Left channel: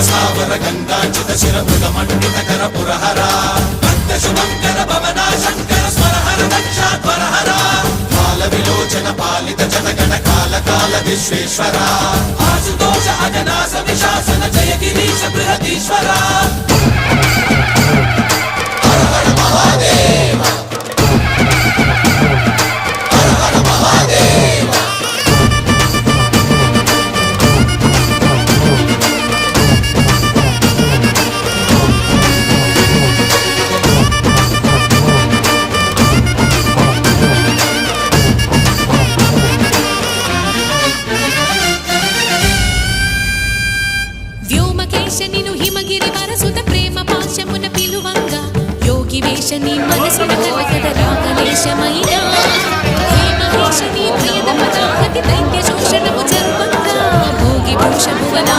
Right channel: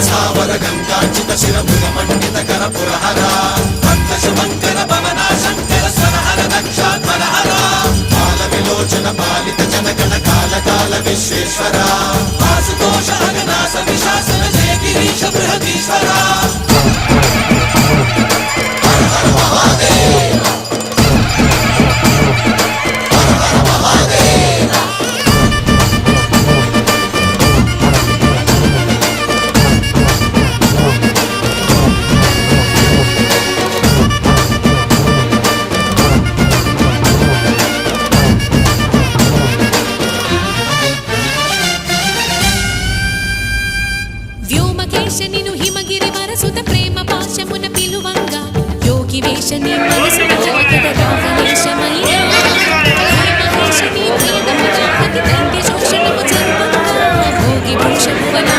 స్థావర గంగాచిత శిరముల మండిత కర పురహర శుభంకర భవనా శంకర స్వరహర దక్షాధ్వరహర కాల విలోచన పాలిత జనగణ కాల కాల విశ్వేశ్వర ఆశుతోష అవినాశ విశాసన జయ గిరీశ బృహదీశ్వర హర హర మహాదేవ హర హర మహాదేవ వ్యోమకేశనిను హిమగిరి వరసుత ప్రేమ పాశమున పిలువంగా యోగి వేషని మనసున కలకద రాగలేశమైనా హే మహేశని భయద పదాహతి దైత్య శోషణము జరుపంగా భోగి భూష భువన